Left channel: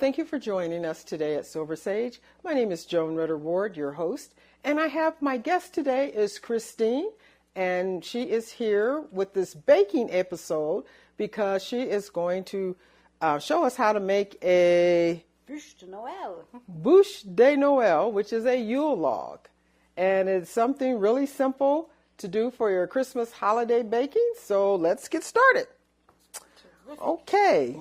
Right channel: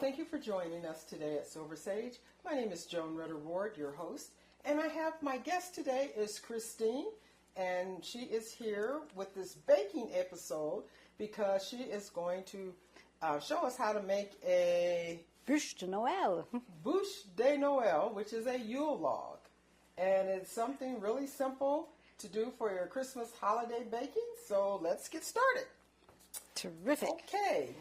thank you for joining us today at Silver Sage. My name is Joan Rudder-Ward, your host, and I have my guest today is Christine, and she is here with this baking episode because she is going to show us how to make a Buche de Noel. Buche de Noel, which is a Yule log, and it's something really simple to do for your Christmas holiday baking. So let's get started. Terrific. Okay.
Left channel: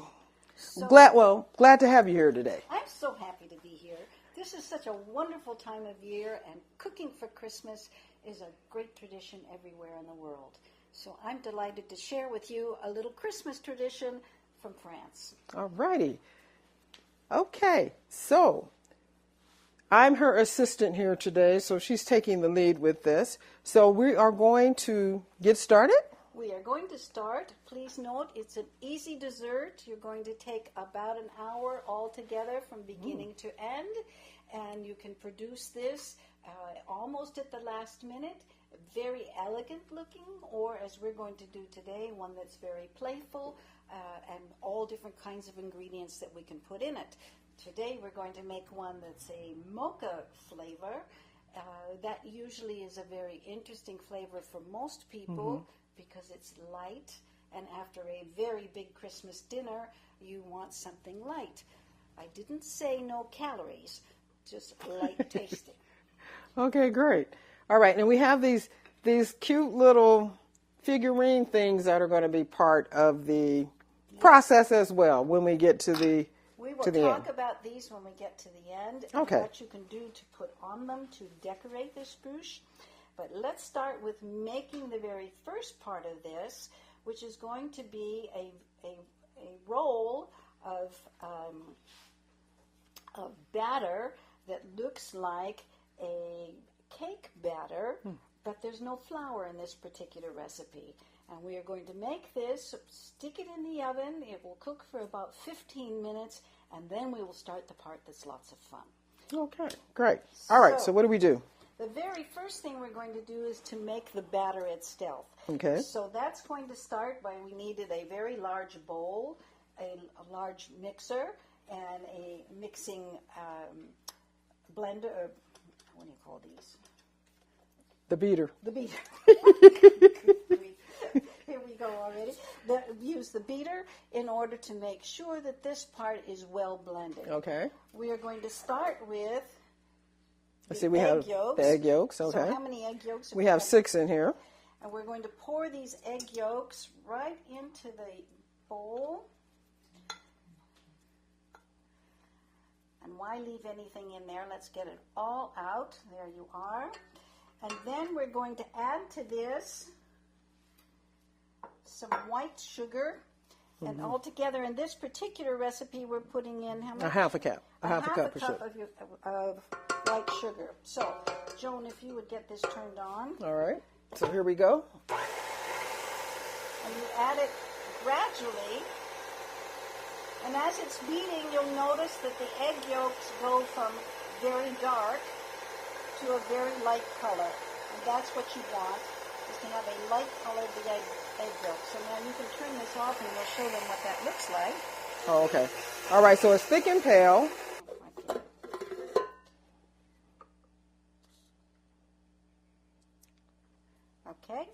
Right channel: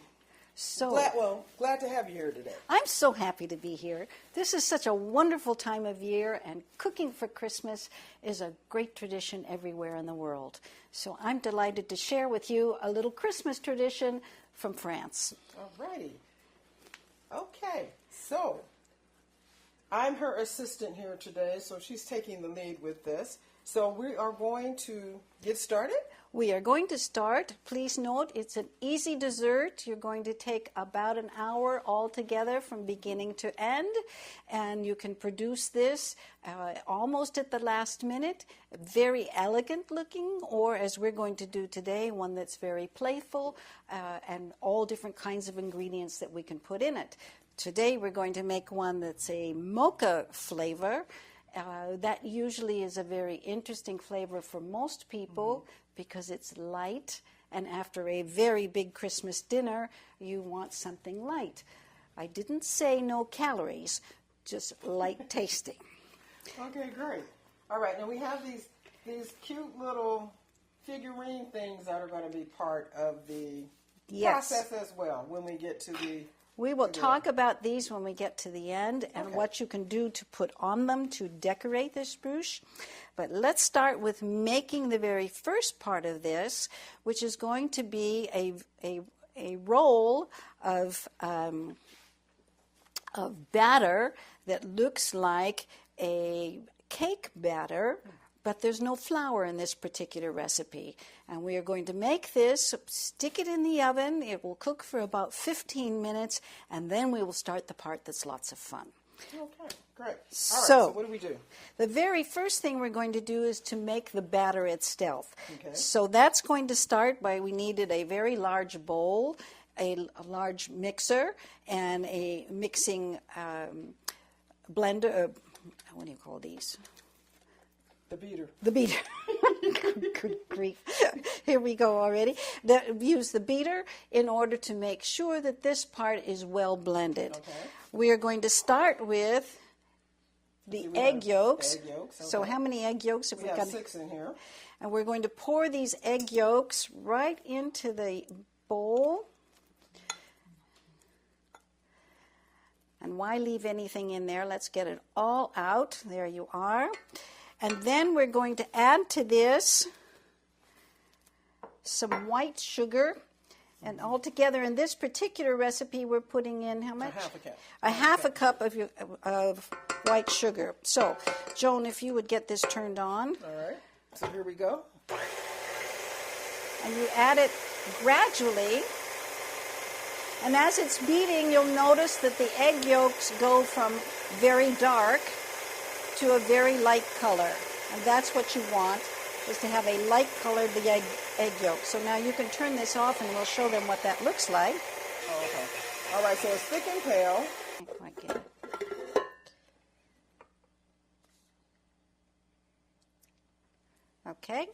So Glad to have you here today. I'm so happy to be here. This is such a wonderful time of year, and cooking for Christmas is a great tradition everywhere in the world. So I'm delighted to share with you a little Christmas tradition from France. All righty. Okay, so I'm her assistant here today, so she's taking the lead with this. So we are going to get started. We are going to start. Please note, it's an easy dessert. You're going to take about an hour altogether from beginning to end, and you can produce this almost at the last minute. Very elegant looking, or as we're going to do today, one that's very playful and all different kinds of ingredients that we can put in it. Today we're going to make one that's a mocha flavor. That usually is a very interesting flavor for most people. Because it's light, and after a very big Christmas dinner, you want something light. I didn't say no calories, just light tasting. Okay, great. All right, and we have these cute little figurine things that are going to be part of the process as well when we get to the We will talk about these when we get to the end and what you can do to put on them to decorate this Buche. But let's start with making the very first part of this, which is going to be a roll of batter that looks like a cake batter, but there's no flour in this particular recipe. And we are going to make this, stick it in the oven. It will cook for about 15 minutes, and then we will start the part that's lots of fun. Okay, great. All right, so what do we do? The very first thing we're going to do is to make the batter itself. Okay. So that's going to start by, we needed a very large bowl, a large mixer, and a mixing blender. What do you call these? The beater. The beater. Good grief. Here we go already. Use the beater in order to make sure that this part is well blended. Okay. We are going to start with the egg yolks. The egg yolks, okay. So how many egg yolks have we have 6 in here. And we're going to pour these egg yolks right into the bowl. And why leave anything in there? Let's get it all out. There you are. And then we're going to add to this some white sugar. And altogether in this particular recipe, we're putting in how much? A half a cup. A half a cup of white sugar. So, Joan, if you would get this turned on. All right. So here we go. And you add it gradually. And as it's beating, you'll notice that the egg yolks go from very dark to a very light color. And that's what you want, is to have a light color of the egg yolk. So now you can turn this off and we'll show them what that looks like. Oh, okay. All right, so it's thick and pale. Okay.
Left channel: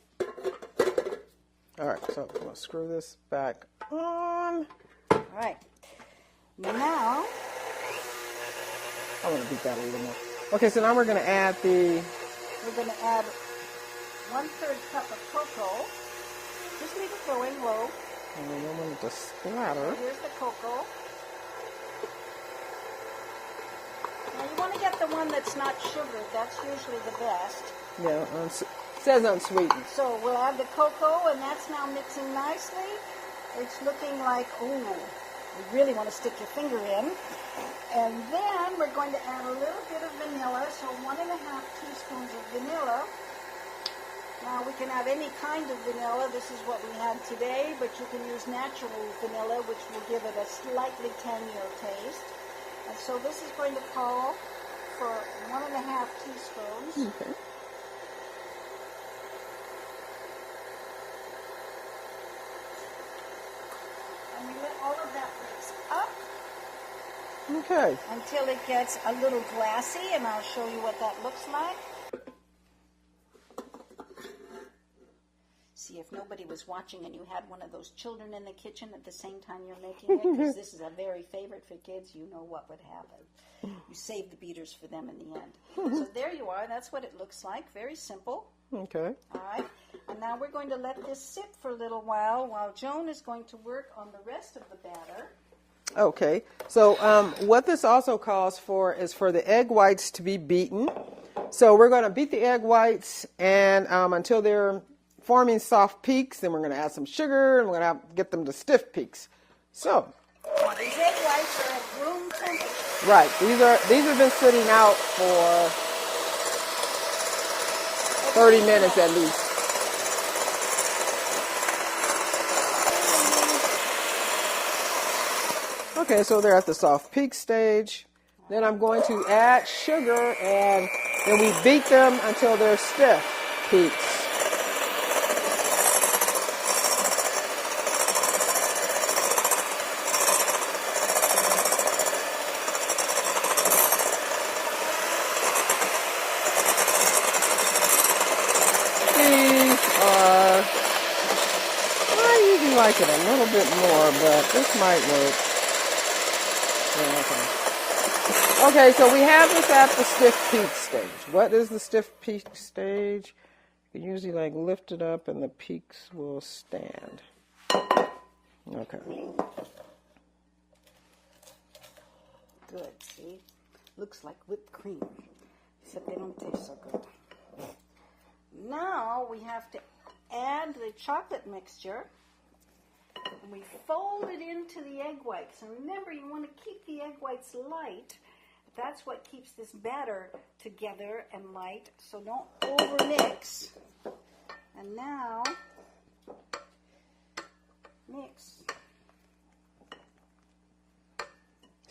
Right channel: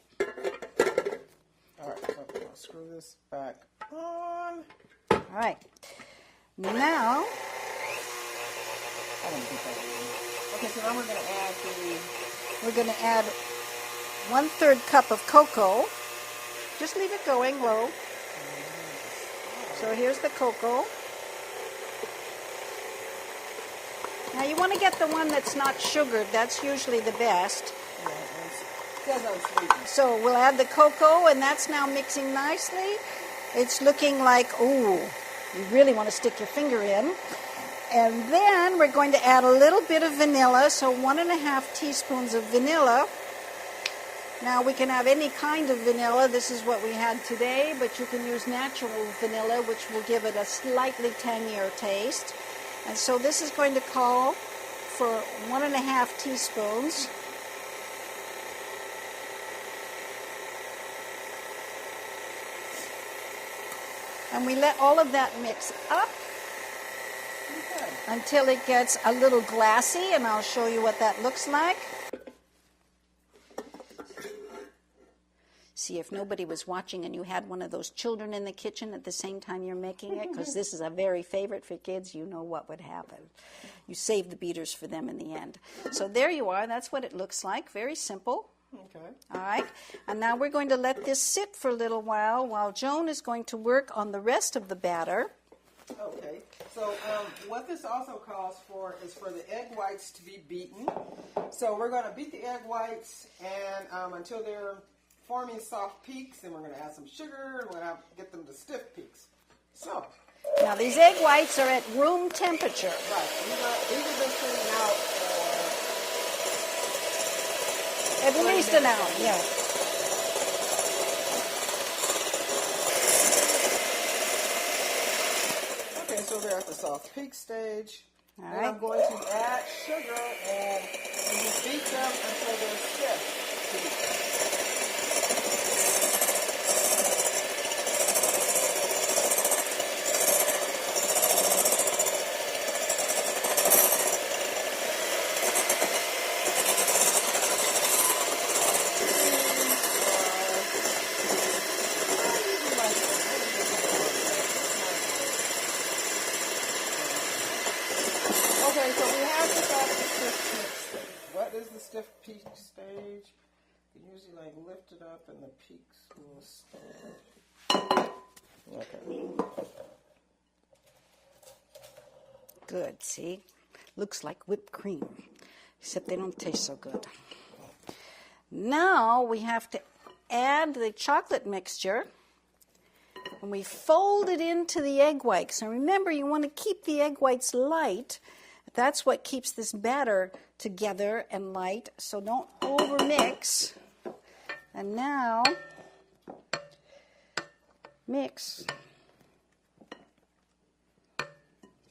All right, so I'm going to screw this back on. All right. Now, I'm going to beat that a little more. Okay, so now we're going to add We're going to add 1/3 cup of cocoa. Just leave it going low. So here's the cocoa. Now you want to get the one that's not sugared. That's usually the best. Yeah, it says unsweetened. So we'll add the cocoa, and that's now mixing nicely. It's looking like, ooh, you really want to stick your finger in. And then we're going to add a little bit of vanilla, so 1½ teaspoons of vanilla. Now we can have any kind of vanilla. This is what we had today, but you can use natural vanilla, which will give it a slightly tangier taste. And so this is going to call for 1½ teaspoons. Okay. And we let all of that mix up. Okay. until it gets a little glassy, and I'll show you what that looks like. See, if nobody was watching and you had one of those children in the kitchen at the same time you're making it, because this is a very favorite for kids, you know what would happen. You save the beaters for them in the end. So there you are. That's what it looks like. Very simple. Okay. All right. And now we're going to let this sit for a little while Joan is going to work on the rest of the batter. Okay. So what this also calls for is for the egg whites to be beaten. So we're going to beat the egg whites and until they're forming soft peaks. Then we're going to add some sugar and we're going to get them to stiff peaks. So. Now these egg whites are at room temperature. Right. These have been sitting out for 30 minutes at least. Yeah. Okay, so they're at the soft peak stage. All then right. I'm going to add sugar and then we beat them until they're stiff peaks. Like it a little bit more, but this might work. Yeah, okay, so we have this at the stiff peak stage. What is the stiff peak stage? You can usually like lift it up and the peaks will stand. Okay. Good, see? Looks like whipped cream, except they don't taste so good. Now we have to add the chocolate mixture. And we fold it into the egg whites. So remember, you want to keep the egg whites light. That's what keeps this batter together and light. So don't overmix. And now, mix.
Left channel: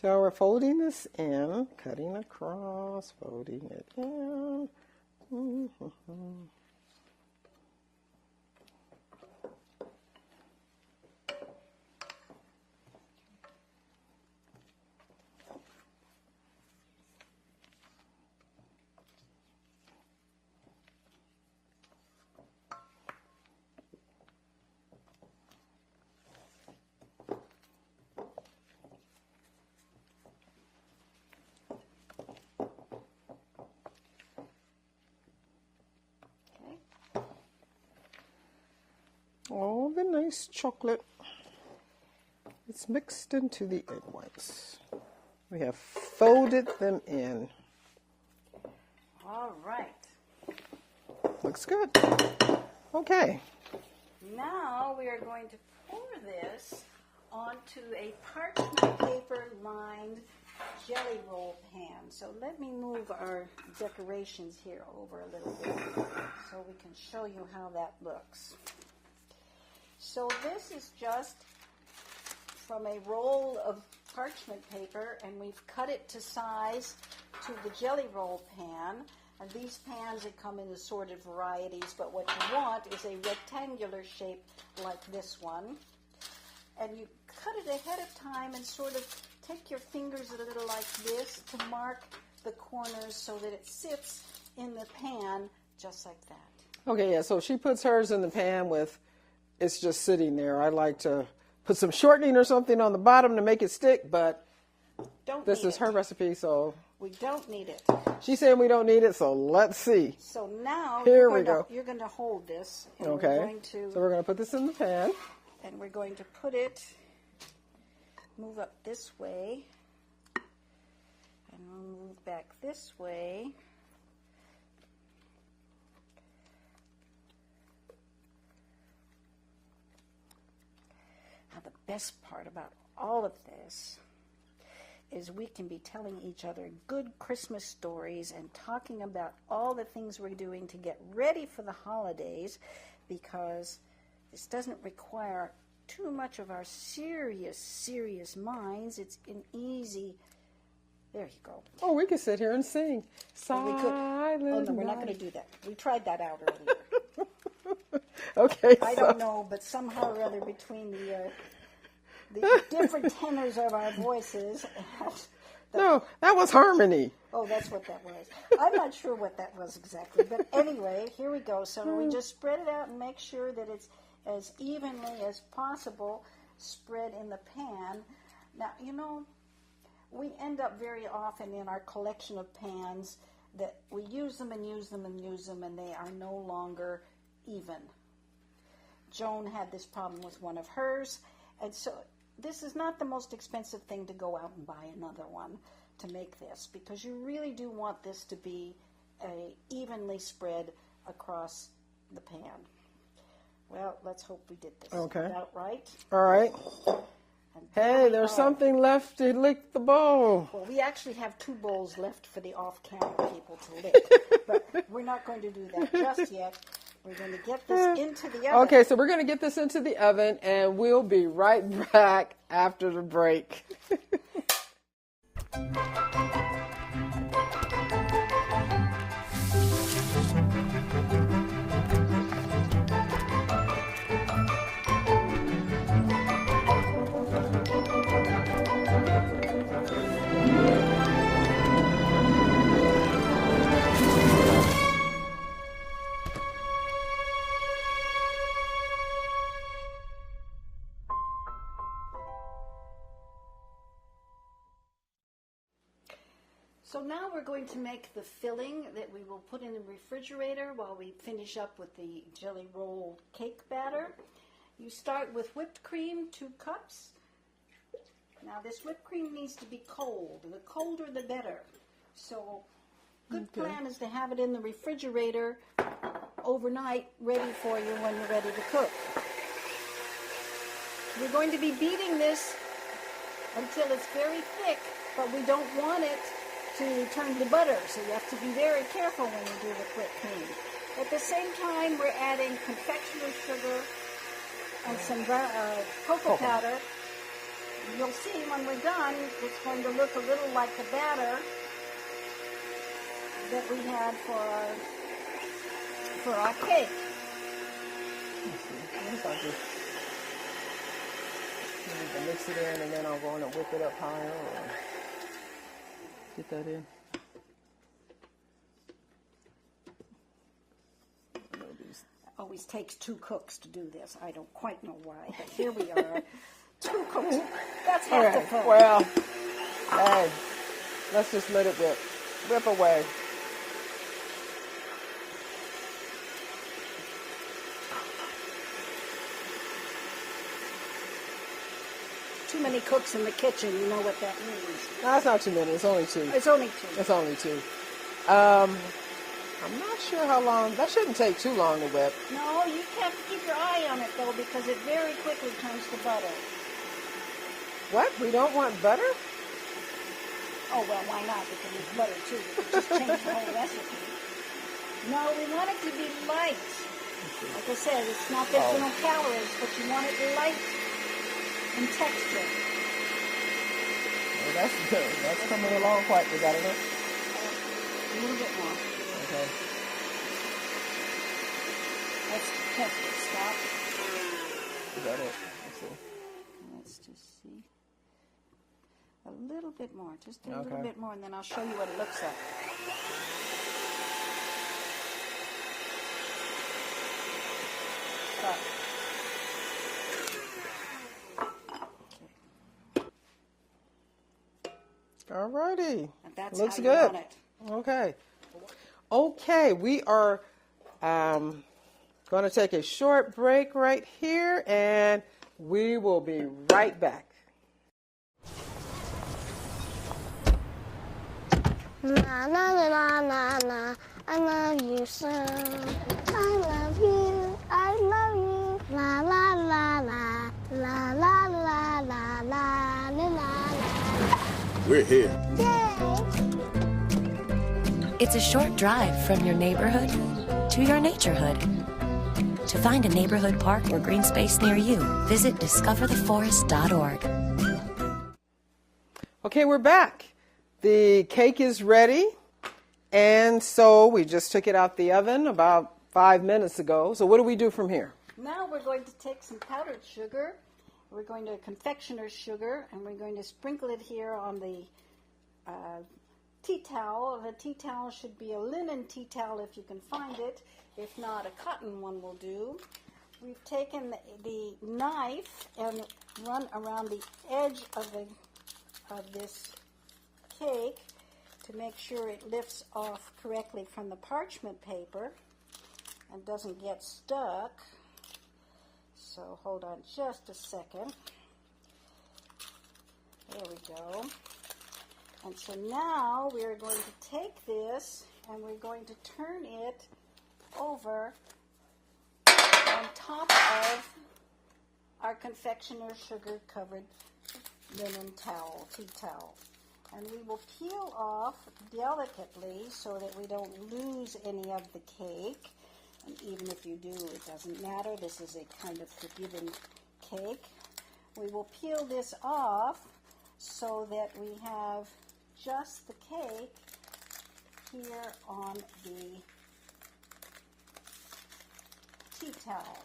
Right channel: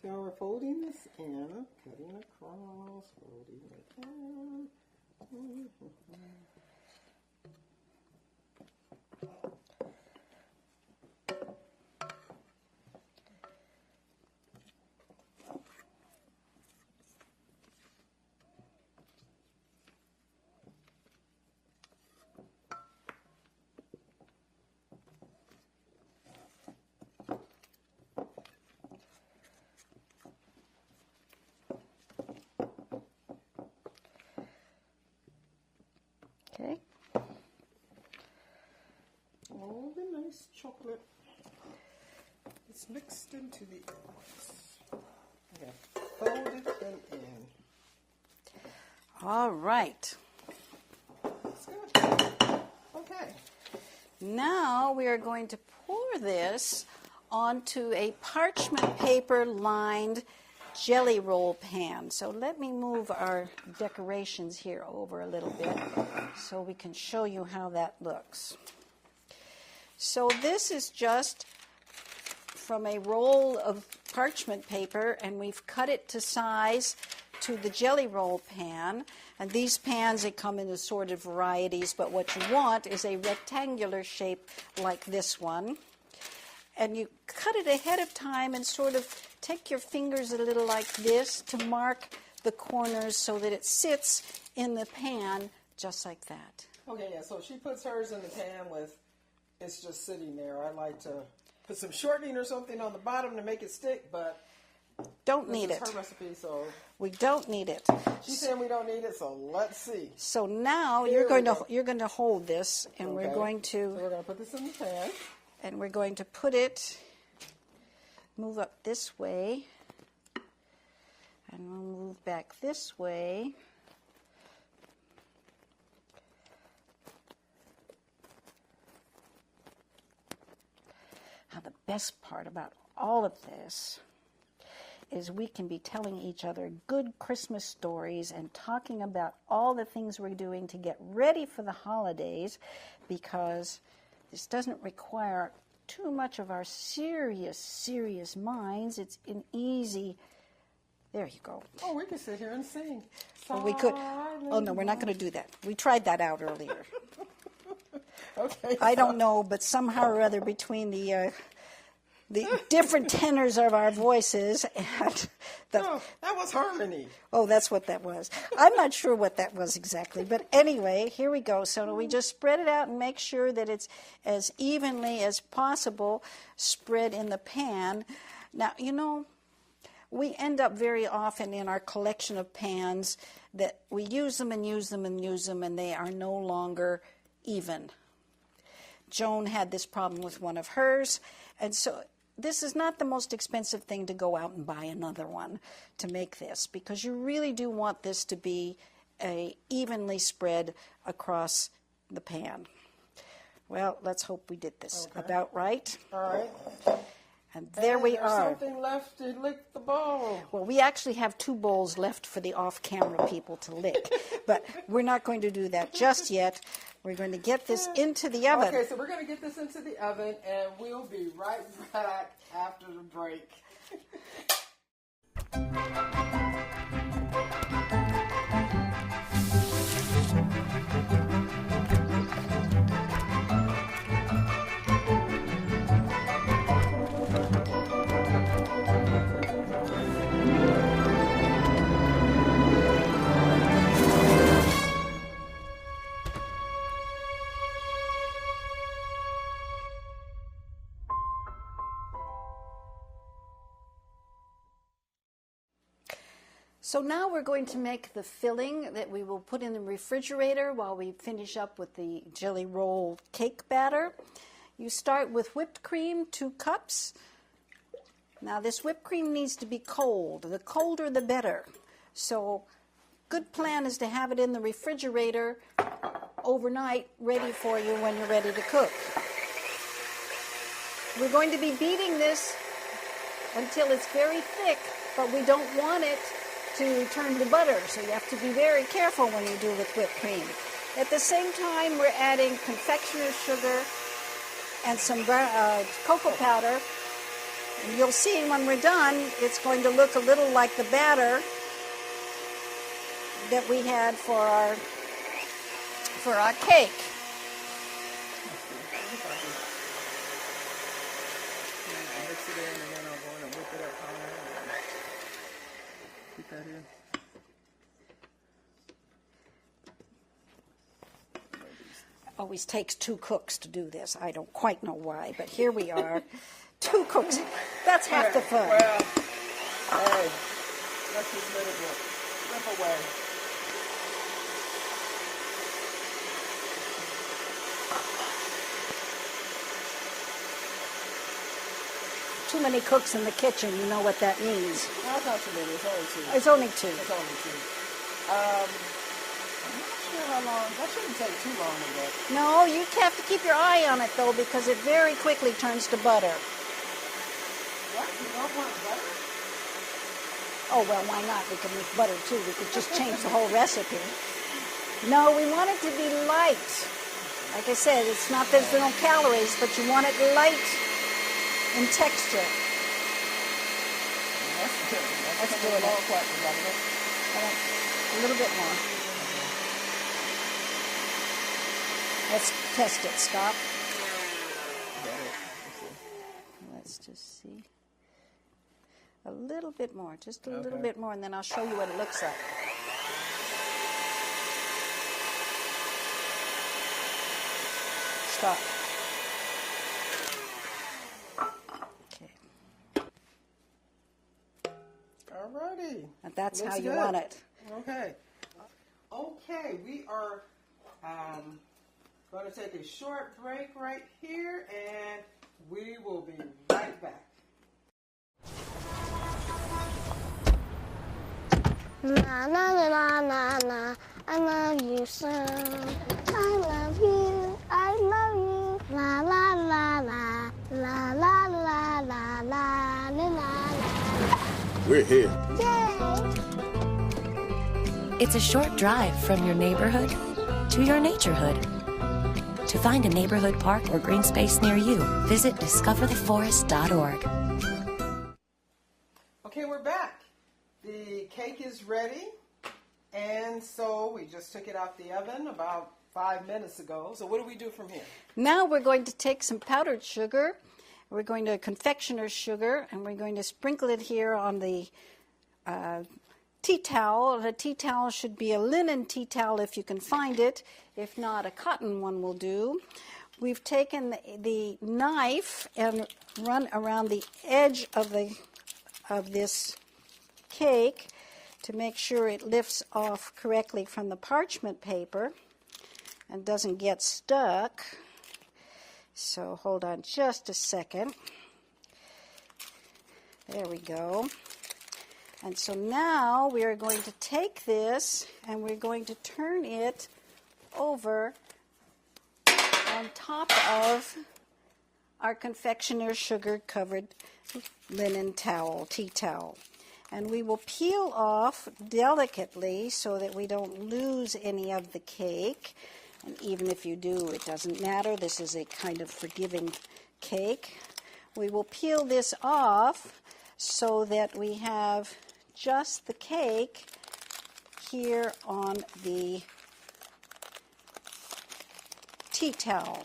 So we're folding this in, cutting across, folding it down. Okay. All the nice chocolate is mixed into the egg whites. We have folded them in. All right. Looks good. Okay. Now we are going to pour this onto a parchment paper lined jelly roll pan. So let me move our decorations here over a little bit so we can show you how that looks. So this is just from a roll of parchment paper, and we've cut it to size to the jelly roll pan. And these pans, they come in assorted varieties, but what you want is a rectangular shape like this one. And you cut it ahead of time and sort of take your fingers a little like this to mark the corners so that it sits in the pan just like that. Okay, yeah, so she puts hers in the pan with, it's just sitting there. I like to put some shortening or something on the bottom to make it stick, but this is her recipe, so. We don't need it. She said we don't need it, so let's see. So now you're going to hold this, and okay. we're going to. So we're going to put this in the pan. And we're going to put it, move up this way, and we'll move back this way. Now the best part about all of this is we can be telling each other good Christmas stories and talking about all the things we're doing to get ready for the holidays, because this doesn't require too much of our serious minds. It's an easy, there you go. Oh, we could sit here and sing. Well, we could. Oh, no, we're not going to do that. We tried that out earlier. Okay. I don't know, but somehow or other between the the different tenors of our voices. And No, that was harmony. oh, that's what that was. I'm not sure what that was exactly, but anyway, here we go. So we just spread it out and make sure that it's as evenly as possible spread in the pan. Now, you know, we end up very often in our collection of pans that we use them and use them and use them, and they are no longer even. Joan had this problem with one of hers, and so this is not the most expensive thing to go out and buy another one to make this, because you really do want this to be evenly spread across the pan. Well, let's hope we did this about right. All right. And there we there's are. something left to lick the bowl. Well, we actually have 2 bowls left for the off-camera people to lick, but we're not going to do that just yet. We're going to get this into the oven. Okay, so we're going to get this into the oven, and we'll be right back after the break. So now we're going to make the filling that we will put in the refrigerator while we finish up with the jelly roll cake batter. You start with whipped cream, 2 cups. Now this whipped cream needs to be cold. The colder the better. So good plan is to have it in the refrigerator overnight, ready for you when you're ready to cook. We're going to be beating this until it's very thick, but we don't want it to turn to butter, so you have to be very careful when you do with whipped cream. At the same time, we're adding confectioner's sugar and some cocoa powder. And you'll see when we're done, it's going to look a little like the batter that we had for our cake. Mix it in, and then I'll go in and whip it up higher. Get that in. Always takes 2 cooks to do this. I don't quite know why, but here we are. 2 cooks. That's half the fun. Well, hey, let's just let it rip. Rip away. Too many cooks in the kitchen, you know what that means. That's not too many. It's only 2. It's only 2. It's only 2. I'm not sure how long. That shouldn't take too long to whip. No, you have to keep your eye on it, though, because it very quickly turns to butter. What? We don't want butter? Oh, well, why not? We can make butter, too. We could just change the whole recipe. No, we want it to be light. Like I said, it's not that there's no calories, but you want it light in texture. Well, that's good. That's coming along quite. We got it. A little bit more. Okay. Let's test it. Stop. Got it. Let's see. Let's just see. A little bit more. Just a little bit more, and then I'll show you what it looks like. Stop. Alrighty. And that's Looks how you good. want it. Okay. Okay, we are going to take a short break right here, and we will be right back. Na na na na na na, I love you so. I love you, I love you. La la la la, la la la la la la la. We're here. Yay! It's a short drive from your neighborhood to your naturehood. To find a neighborhood park or green space near you, visit discovertheforest.org. Okay, we're back. The cake is ready, and so we just took it out the oven about 5 minutes ago. So what do we do from here? Now we're going to take some powdered sugar. We're going to confectioner's sugar, and we're going to sprinkle it here on the tea towel. The tea towel should be a linen tea towel if you can find it. If not, a cotton one will do. We've taken the knife and run around the edge of this cake to make sure it lifts off correctly from the parchment paper and doesn't get stuck. So hold on just a second. There we go. And so now we are going to take this and we're going to turn it over on top of our confectioner's sugar covered linen towel, tea towel. And we will peel off delicately so that we don't lose any of the cake. And even if you do, it doesn't matter. This is a kind of forgiving cake. We will peel this off so that we have just the cake here on the tea towel.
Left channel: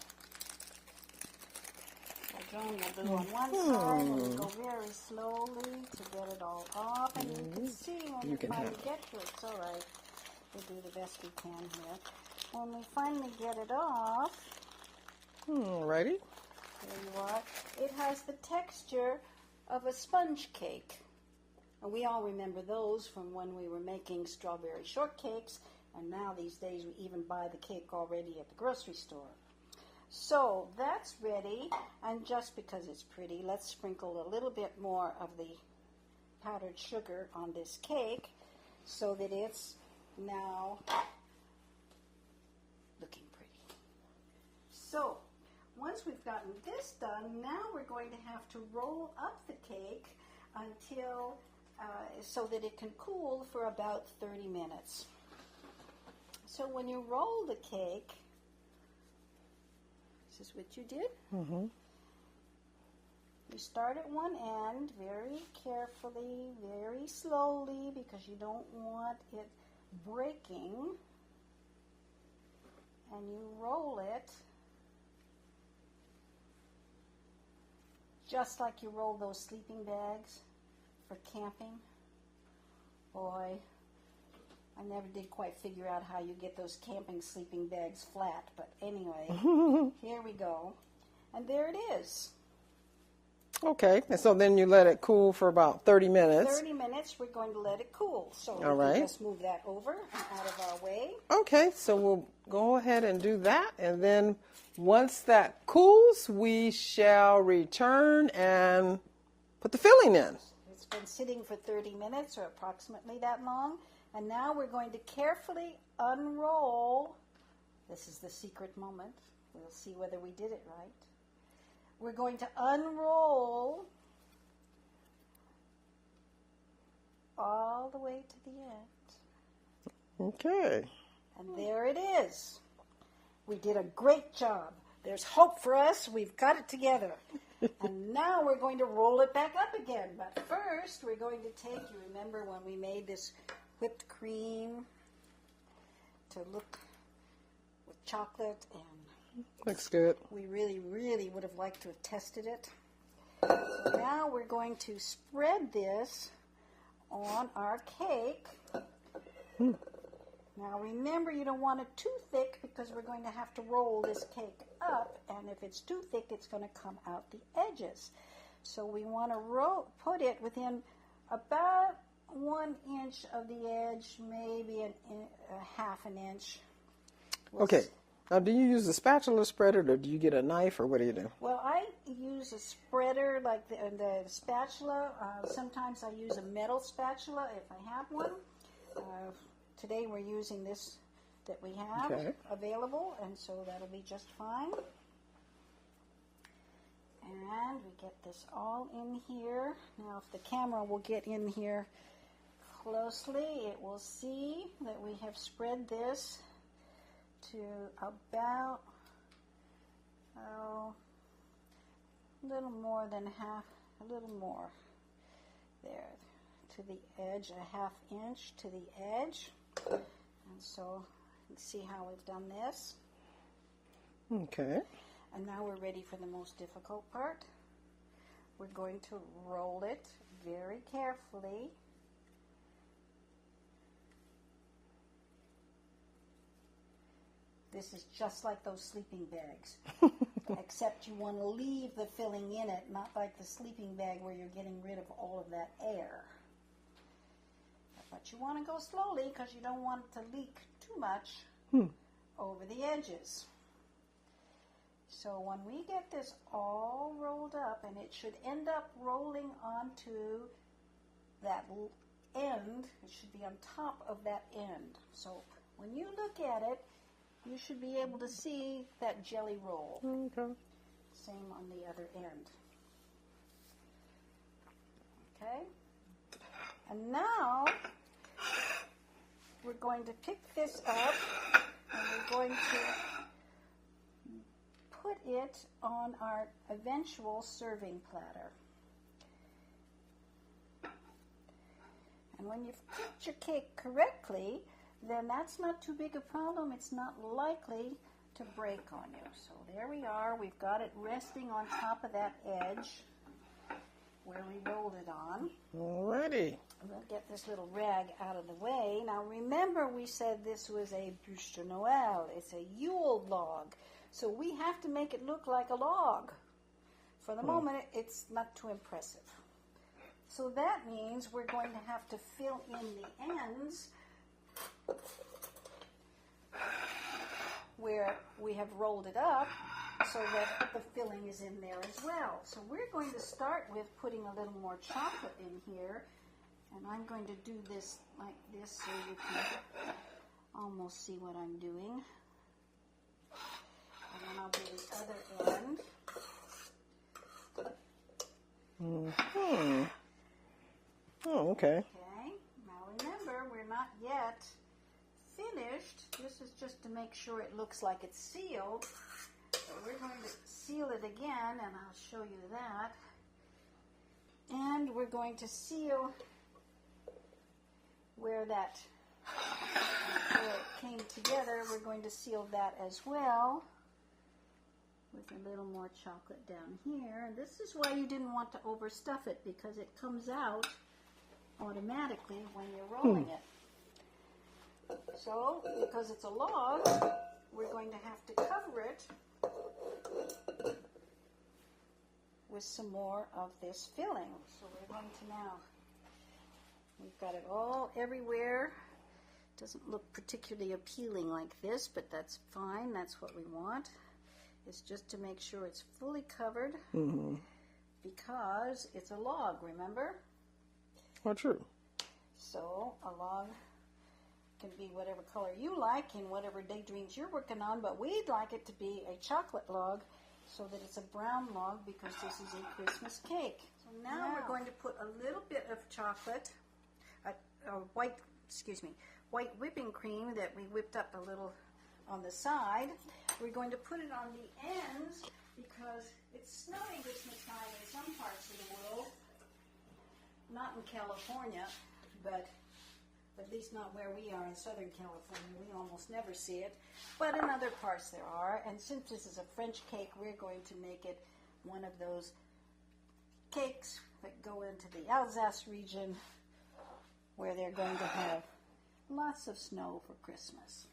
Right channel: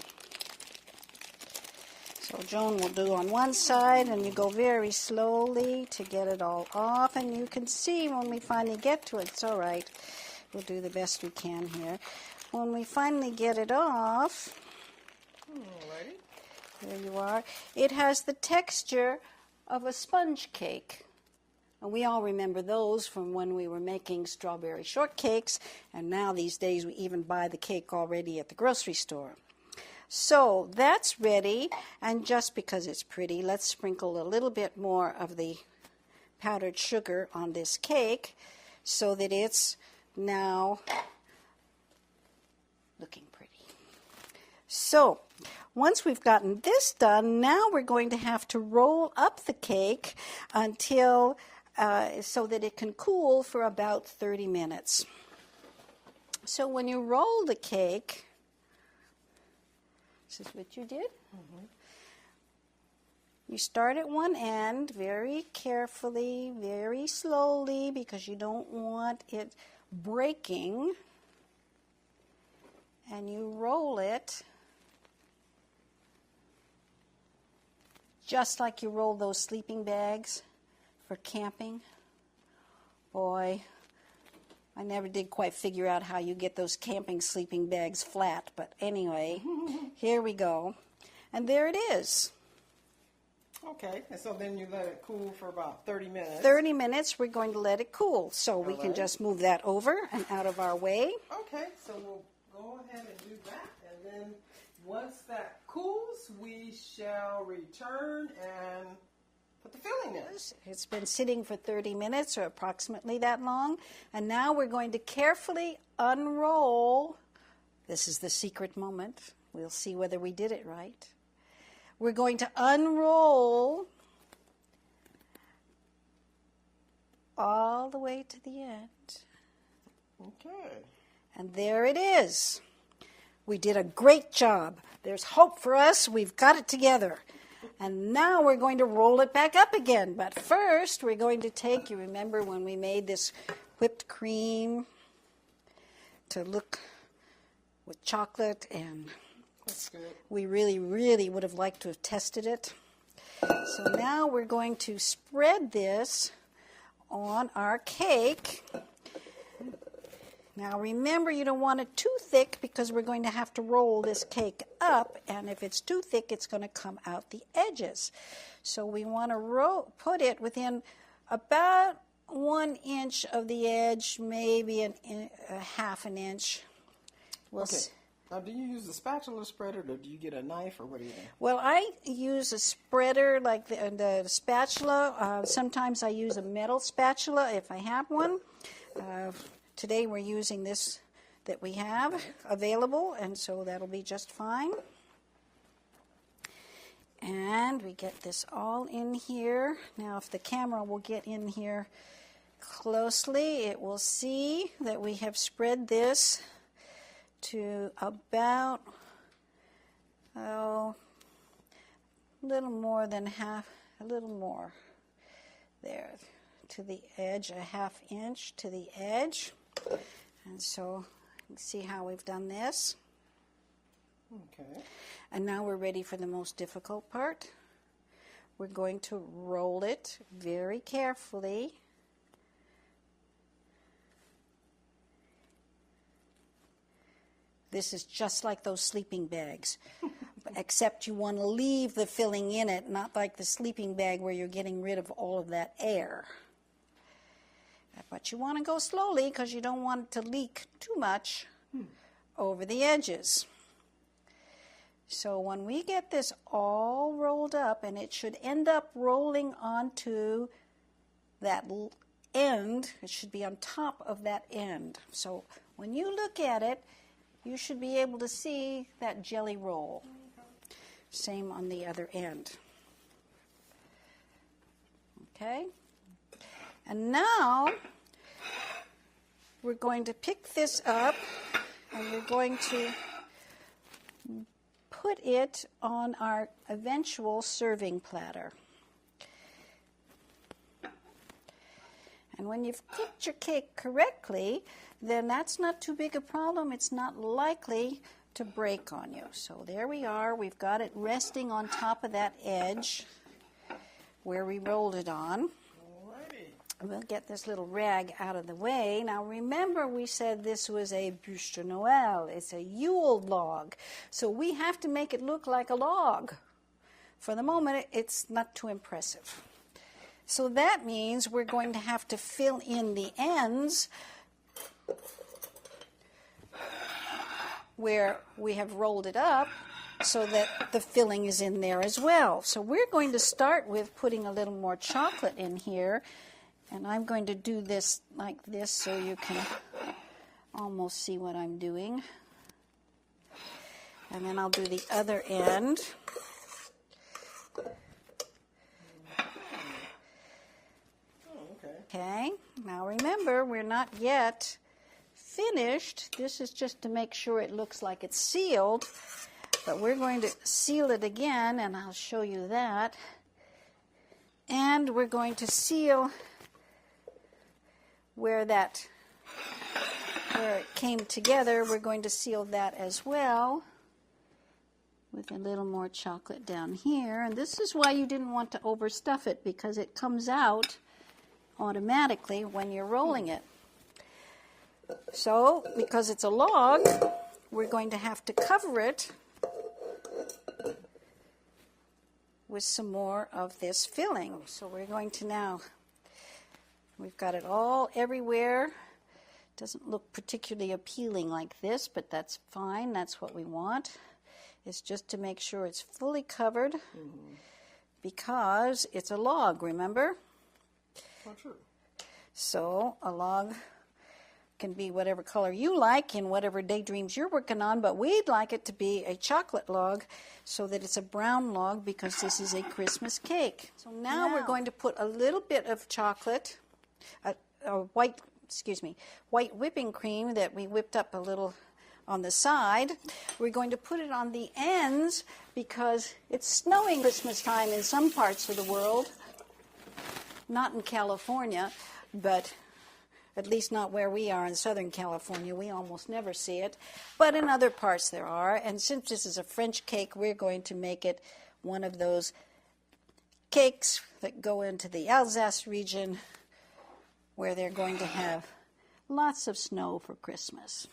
So Joan will do on one side, and you go very slowly to get it all off. And you can see when we finally get to it, it's all right. We'll do the best we can here. When we finally get it off, Alrighty. there you are, it has the texture of a sponge cake. And we all remember those from when we were making strawberry shortcakes, and now these days we even buy the cake already at the grocery store. So that's ready, and just because it's pretty, let's sprinkle a little bit more of the powdered sugar on this cake so that it's now looking pretty. So once we've gotten this done, now we're going to have to roll up the cake until so that it can cool for about 30 minutes. So when you roll the cake, this is what you did. You start at one end very carefully, very slowly, because you don't want it breaking. And you roll it just like you roll those sleeping bags for camping. Boy, I never did quite figure out how you get those camping sleeping bags flat, but anyway, here we go. And there it is. Okay, and so then you let it cool for about 30 minutes. 30 minutes, we're going to let it cool. So we can just move that over and out of our way. Okay, so we'll go ahead and do that, and then once that cools, we shall return and put the filling in. It's been sitting for 30 minutes or approximately that long, and now we're going to carefully unroll. This is the secret moment. We'll see whether we did it right. We're going to unroll all the way to the end. Okay. And there it is. We did a great job. There's hope for us. We've got it together. And now we're going to roll it back up again. But first, we're going to take, you remember when we made this whipped cream to look with chocolate, and Looks good. we really, really would have liked to have tested it. So now we're going to spread this on our cake. Now remember, you don't want it too thick because we're going to have to roll this cake up, and if it's too thick, it's going to come out the edges. So we want to put it within about 1 inch of the edge, maybe a half an inch. Okay. Now, do you use a spatula spreader, or do you get a knife, or what do you do? Well, I use a spreader like the spatula. Sometimes I use a metal spatula if I have one. Today we're using this that we have available, and so that'll be just fine. And we get this all in here. Now, if the camera will get in here closely, it will see that we have spread this to about, a little more than half, a little more there to the edge, a half inch to the edge. And so you can see how we've done this. Okay. And now we're ready for the most difficult part. we're going to roll it very carefully. This is just like those sleeping bags, except you want to leave the filling in it, not like the sleeping bag where you're getting rid of all of that air. But you want to go slowly because you don't want it to leak too much over the edges. So when we get this all rolled up, and it should end up rolling onto that end, it should be on top of that end. So when you look at it, you should be able to see that jelly roll. Okay. Same on the other end. Okay? And now we're going to pick this up and we're going to put it on our eventual serving platter. And when you've cooked your cake correctly, then that's not too big a problem. It's not likely to break on you. So there we are. We've got it resting on top of that edge where we rolled it on. Alrighty. We'll get this little rag out of the way. Now remember, we said this was a Buche de Noel. It's a Yule log. So we have to make it look like a log. For the moment, it's not too impressive. So that means we're going to have to fill in the ends where we have rolled it up so that the filling is in there as well. So we're going to start with putting a little more chocolate in here, and I'm going to do this like this so you can almost see what I'm doing. And then I'll do the other end. Oh, okay. Okay, now remember, we're not yet finished. This is just to make sure it looks like it's sealed, but we're going to seal it again, and I'll show you that. And we're going to seal where it came together. We're going to seal that as well with a little more chocolate down here. And this is why you didn't want to overstuff it, because it comes out automatically when you're rolling it. So, because it's a log, we're going to have to cover it with some more of this filling. So we're going to now, we've got it all everywhere. Doesn't look particularly appealing like this, but that's fine. That's what we want. It's just to make sure it's fully covered because it's a log, remember? Oh, true. So a log can be whatever color you like in whatever daydreams you're working on, but we'd like it to be a chocolate log so that it's a brown log because this is a Christmas cake. So now we're going to put a little bit of chocolate, white whipping cream that we whipped up a little on the side. We're going to put it on the ends because it's snowing Christmas time in some parts of the world. Not in California, but at least not where we are in Southern California. We almost never see it. But in other parts there are. And since this is a French cake, we're going to make it one of those cakes that go into the Alsace region where they're going to have lots of snow for Christmas.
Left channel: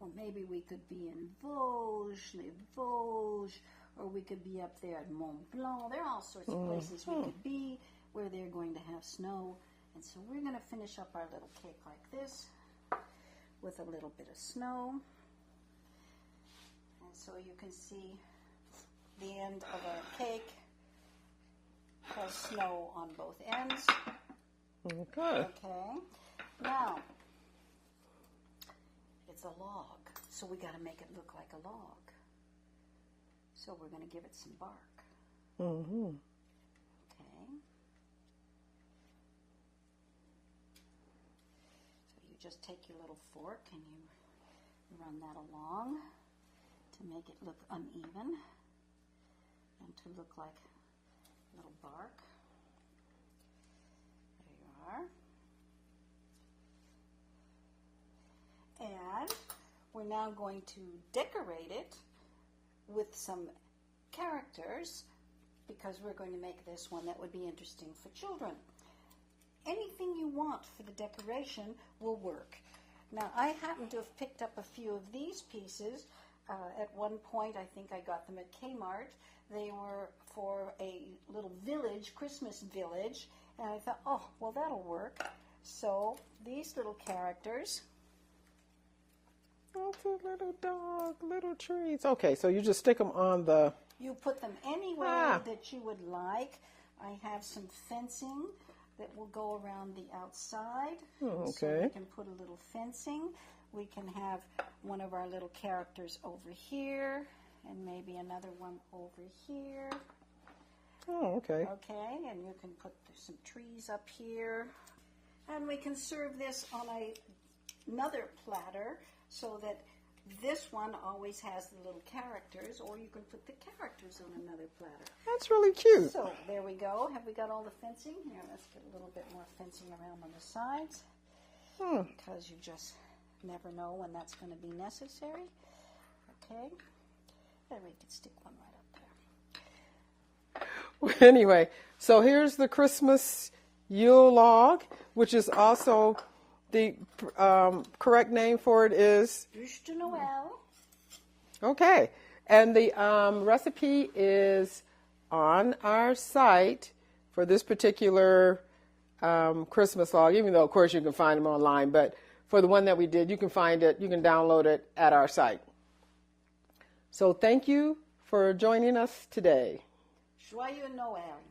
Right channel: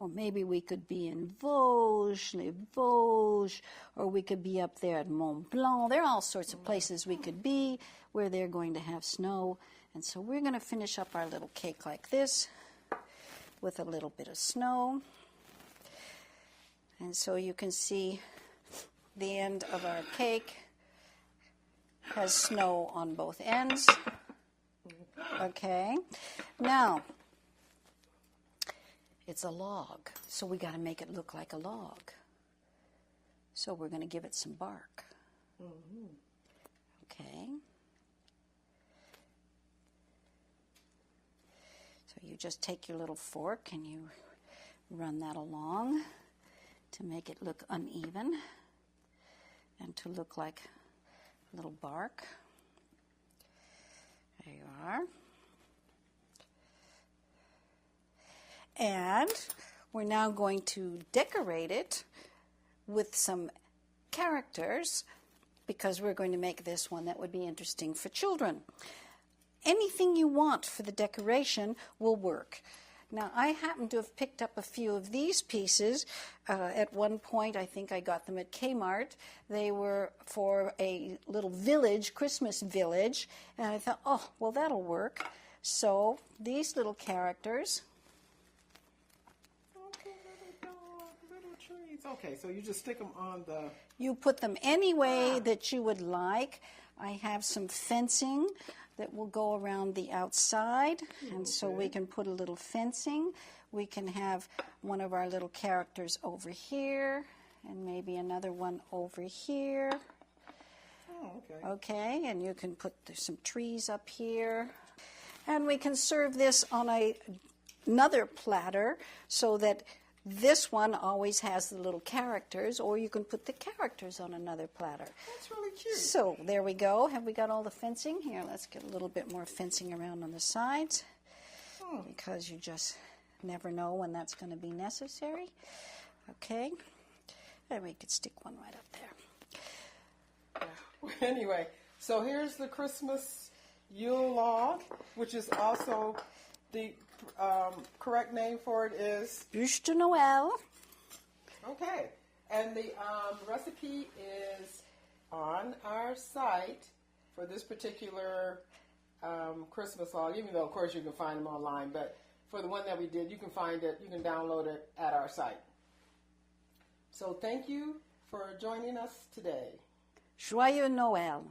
Or maybe we could be in Vosges, Les Vosges, or we could be up there at Mont Blanc. There are all sorts of places we could be where they're going to have snow. And so we're going to finish up our little cake like this with a little bit of snow. And so you can see the end of our cake has snow on both ends. Okay. Now, it's a log, so we got to make it look like a log. So we're going to give it some bark. Okay. So you just take your little fork and you run that along to make it look uneven and to look like a little bark. There you are. And we're now going to decorate it with some characters, because we're going to make this one that would be interesting for children. Anything you want for the decoration will work. Now, I happen to have picked up a few of these pieces. At one point, I think I got them at Kmart. They were for a little village, Christmas village, and I thought, oh, well, that'll work. So these little characters. Okay, little dog, little trees. Okay, so you just stick them on the... You put them any way that you would like. I have some fencing that will go around the outside, and so we can put a little fencing. We can have one of our little characters over here, and maybe another one over here. Oh, okay. Okay, and you can put some trees up here. And we can serve this on another platter so that this one always has the little characters, or you can put the characters on another platter. That's really cute. So there we go. Have we got all the fencing? Here, let's get a little bit more fencing around on the sides, because you just never know when that's going to be necessary. Okay, and we could stick one right up there. Anyway, so here's the Christmas Yule log, which is also the correct name for it is Buche de Noel. Okay, and the recipe is on our site for this particular Christmas log, even though, of course, you can find them online, but for the one that we did, you can find it, you can download it at our site. So thank you for joining us today. Joyeux Noël.